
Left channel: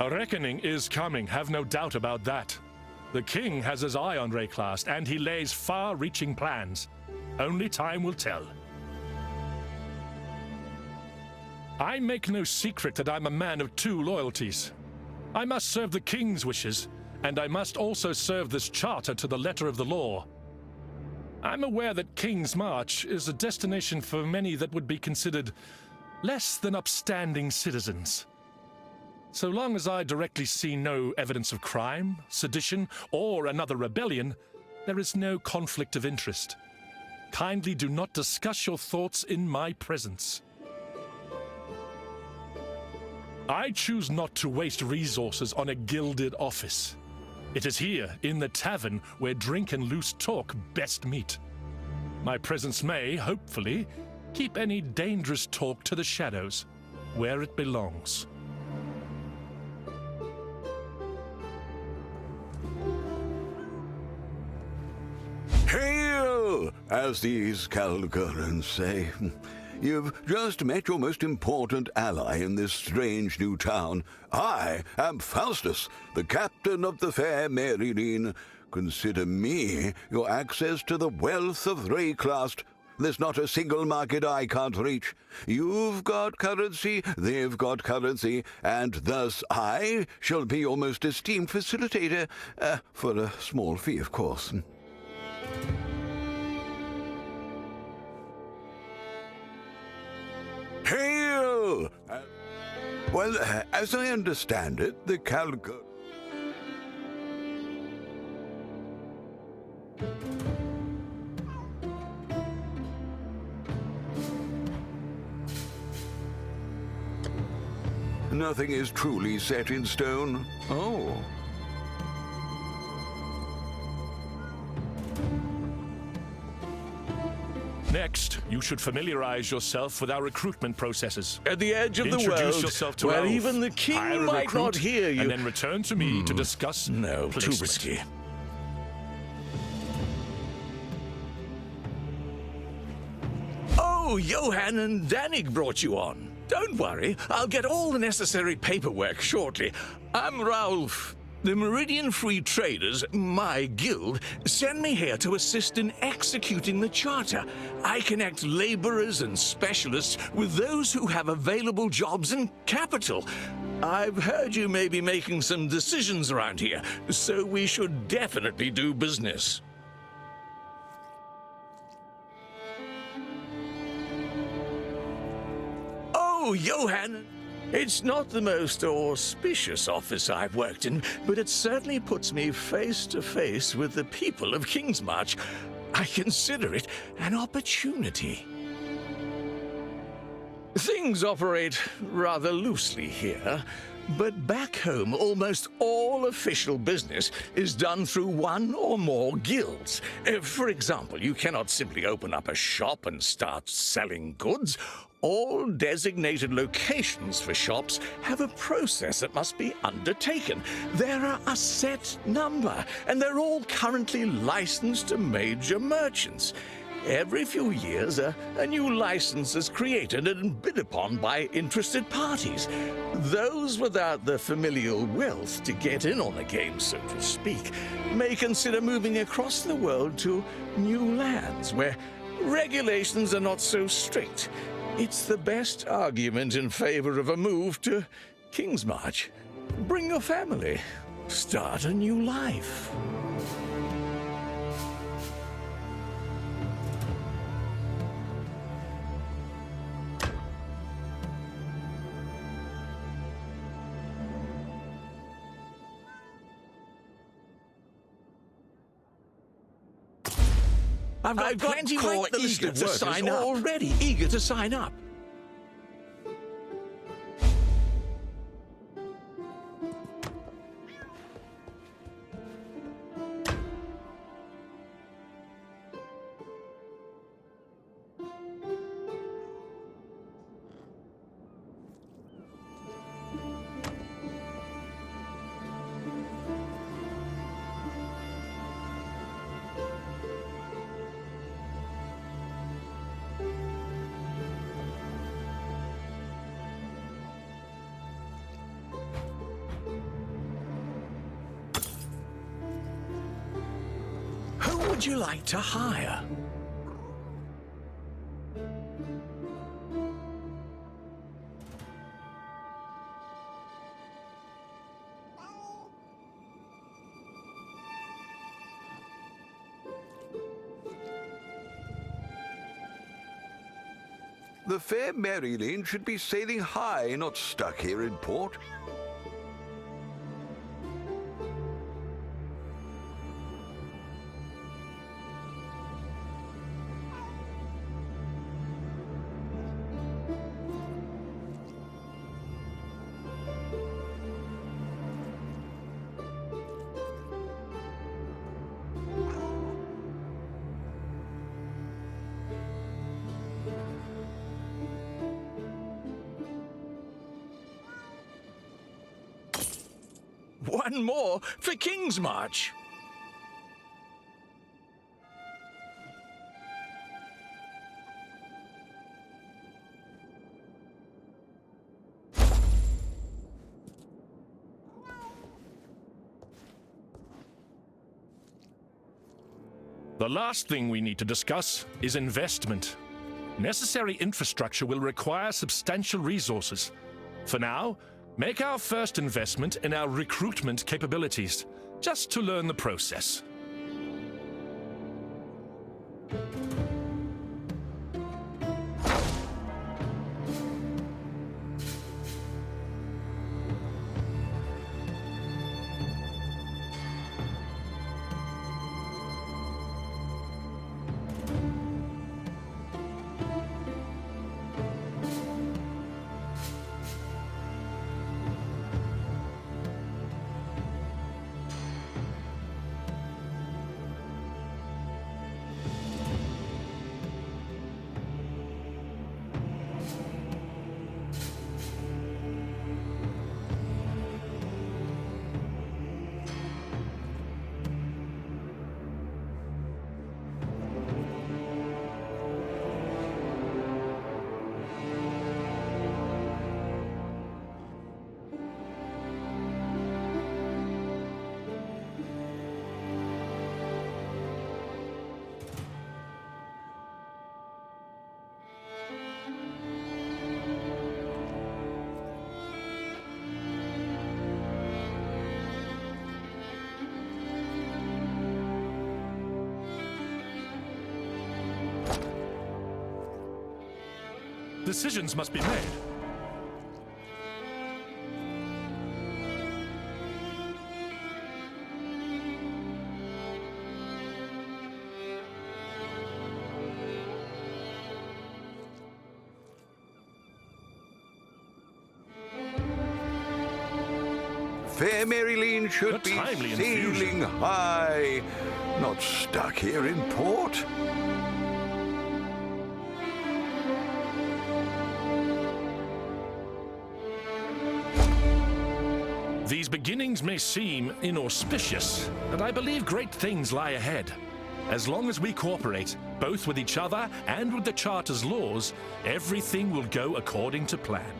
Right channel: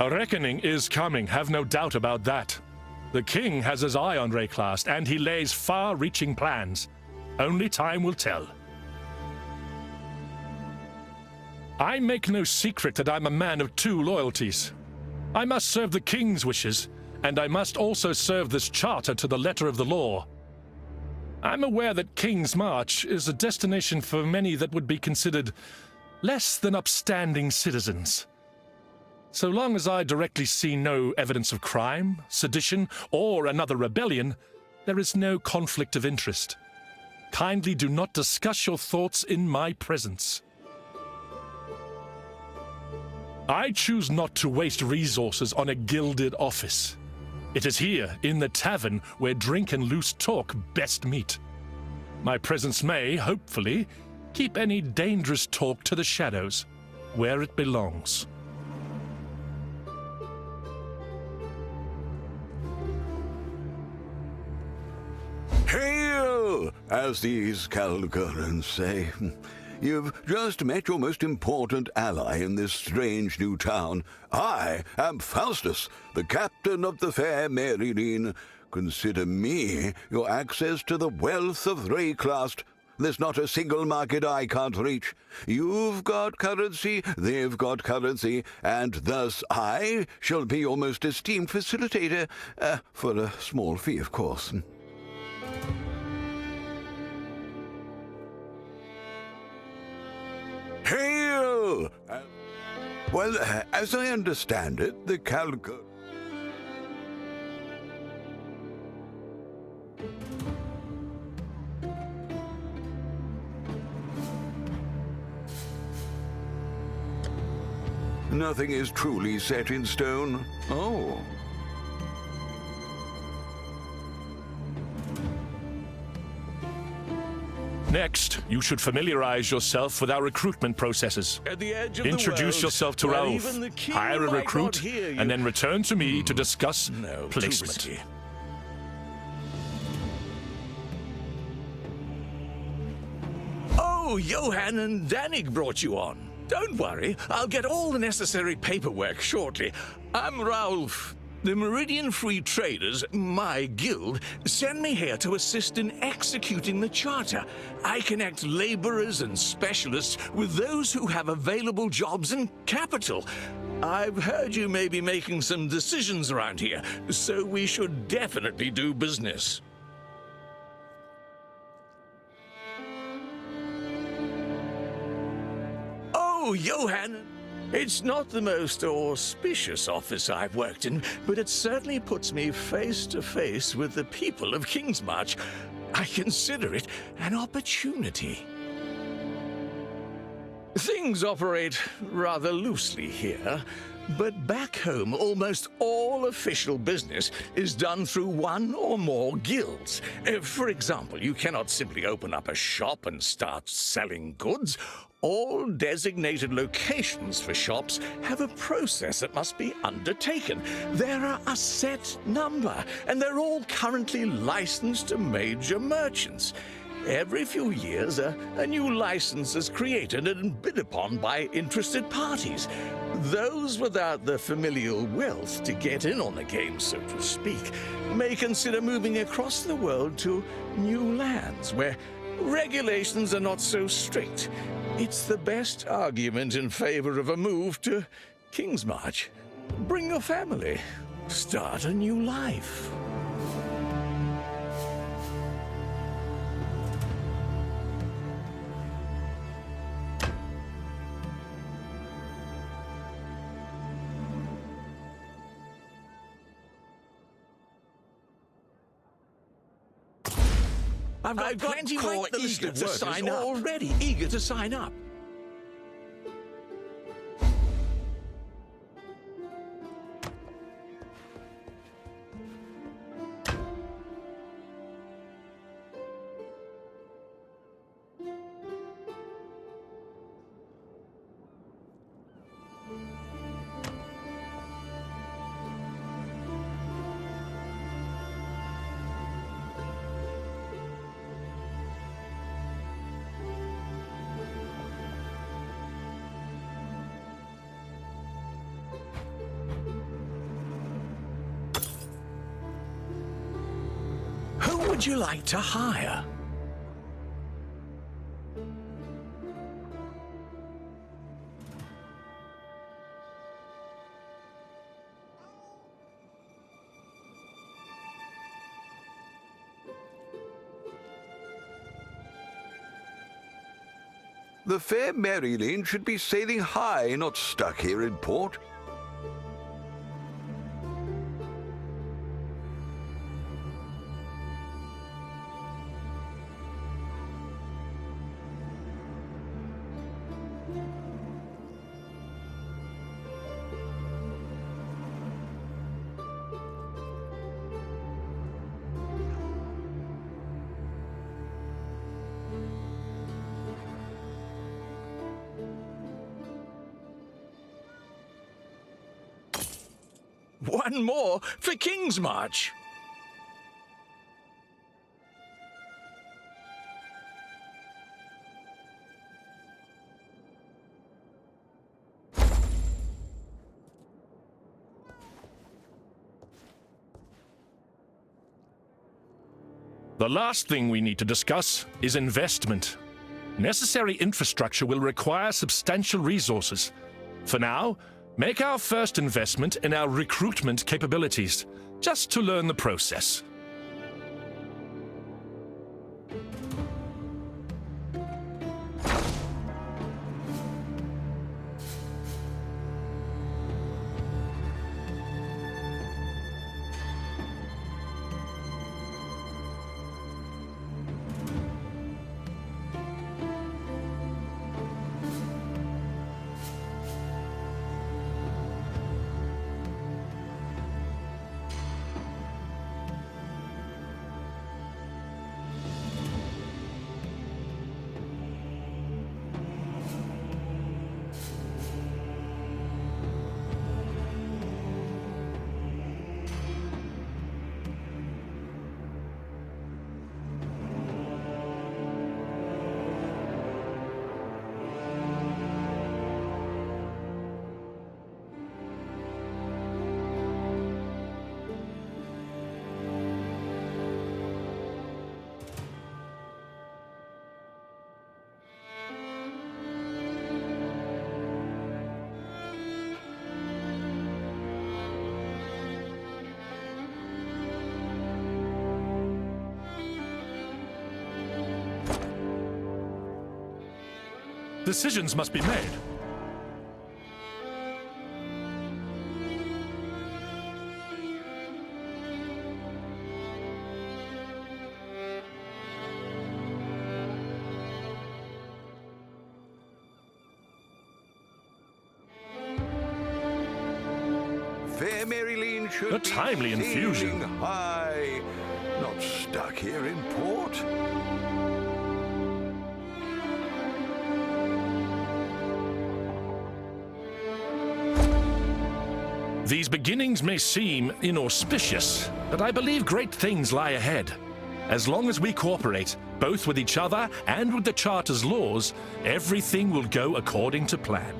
A reckoning is coming, have no doubt about that. The King has his eye on Rayclast, and he lays far-reaching plans. Only time will tell. I make no secret that I'm a man of two loyalties. I must serve the King's wishes, and I must also serve this charter to the letter of the law. I'm aware that King's March is a destination for many that would be considered less than upstanding citizens. So long as I directly see no evidence of crime, sedition, or another rebellion, there is no conflict of interest. Kindly do not discuss your thoughts in my presence. I choose not to waste resources on a gilded office. It is here, in the tavern, where drink and loose talk best meet. My presence may, hopefully, keep any dangerous talk to the shadows, where it belongs. Hail, as these Kalguurans say. You've just met your most important ally in this strange new town. I am Faustus, the captain of the fair Maryline. Consider me your access to the wealth of Rayclast. There's not a single market I can't reach. You've got currency, they've got currency, and thus I shall be your most esteemed facilitator, for a small fee, of course. Hail! Well, as I understand it, the Kalguur... Nothing is truly set in stone. Oh. Next, you should familiarize yourself with our recruitment processes. At the edge of the world, introduce yourself to where Ralph, even the king hire a might recruit, not hear you. and then return to me to discuss No, too placement. risky. Oh, Johann and Danig brought you on. Don't worry, I'll get all the necessary paperwork shortly. I'm Ralph. The Meridian Free Traders, my guild, send me here to assist in executing the charter. I connect laborers and specialists with those who have available jobs and capital. I've heard you may be making some decisions around here, so we should definitely do business. Oh, Johann! It's not the most auspicious office I've worked in, but it certainly puts me face to face with the people of Kingsmarch. I consider it an opportunity. Things operate rather loosely here, but back home almost all official business is done through one or more guilds. For example, you cannot simply open up a shop and start selling goods. All designated locations for shops have a process that must be undertaken. There are a set number, and they're all currently licensed to major merchants. Every few years, a new license is created and bid upon by interested parties. Those without the familial wealth to get in on the game, so to speak, may consider moving across the world to new lands where regulations are not so strict. It's the best argument in favor of a move to Kingsmarch. Bring your family. Start a new life. I've got plenty more eager to sign up. Already eager to sign up. Who would you like to hire? The fair Maryline should be sailing high, not stuck here in port. One more for King's March. The last thing we need to discuss is investment. Necessary infrastructure will require substantial resources. For now, make our first investment in our recruitment capabilities, just to learn the process. Decisions must be made. Fair Maryline should be timely infusion. sailing high, not stuck here in port. These beginnings may seem inauspicious, but I believe great things lie ahead. As long as we cooperate, both with each other and with the Charter's laws, everything will go according to plan.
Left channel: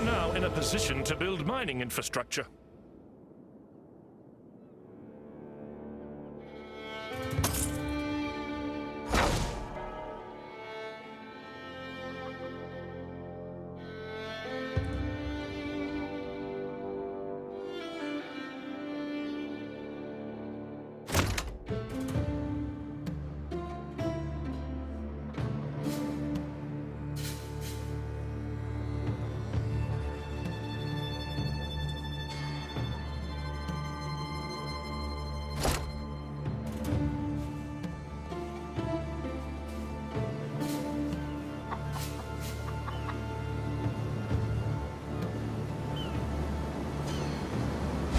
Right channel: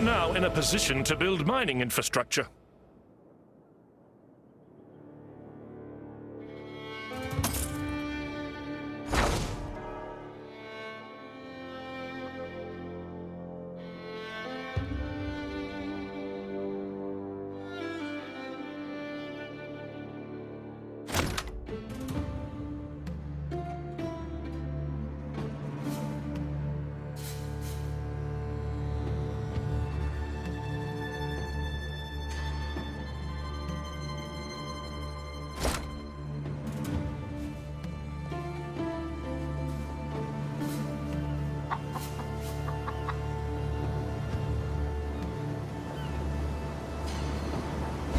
We're now in a position to build mining infrastructure.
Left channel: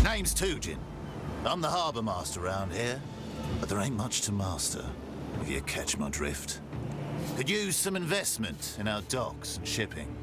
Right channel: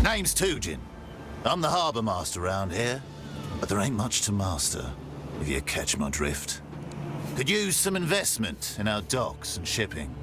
Name's Tujin. I'm the harbour master around here, but there ain't much to master, if you catch my drift. Could use some investment in our docks and shipping.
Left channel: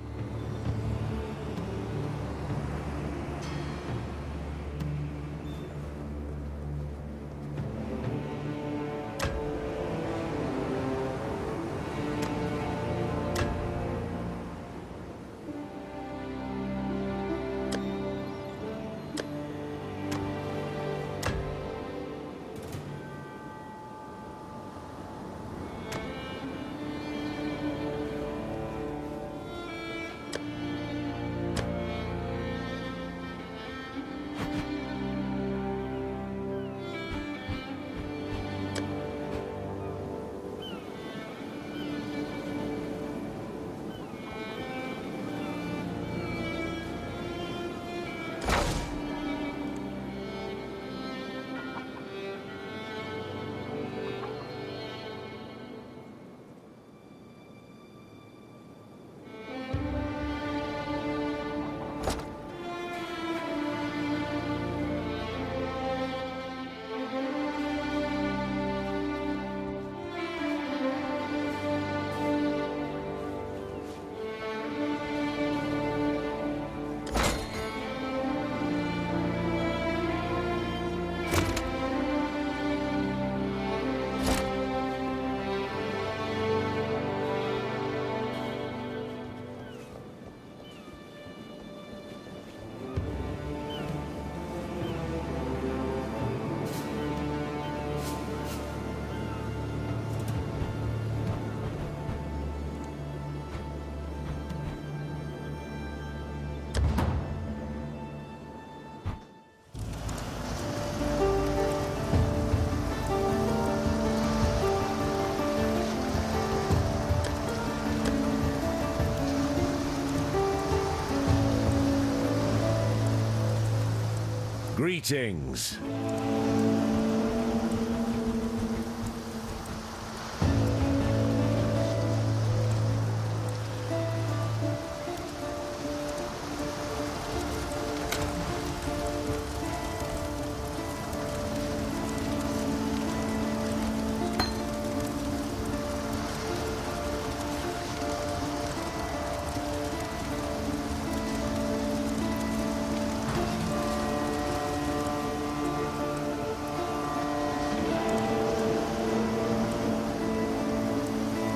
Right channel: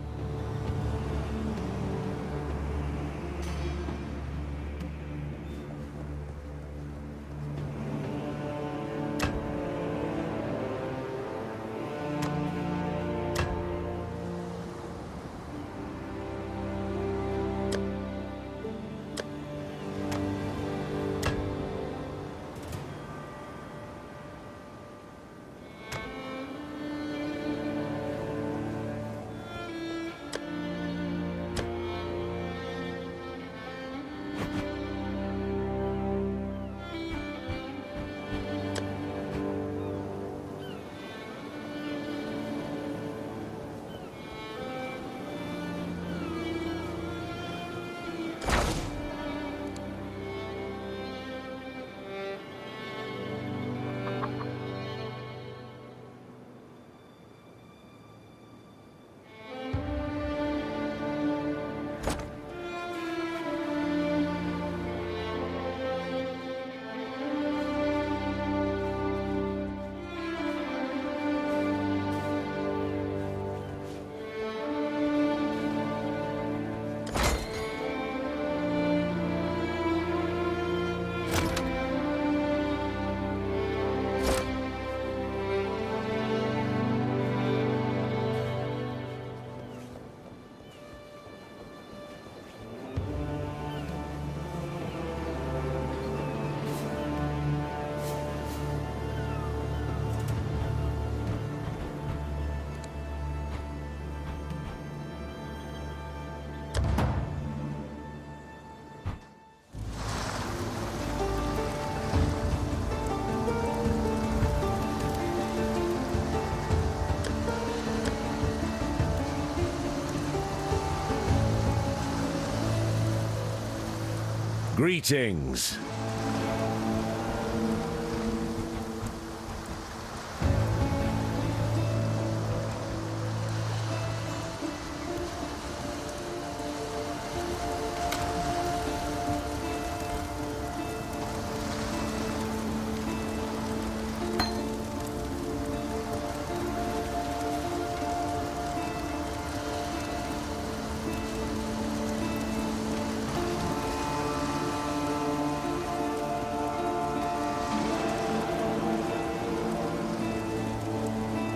Greetings.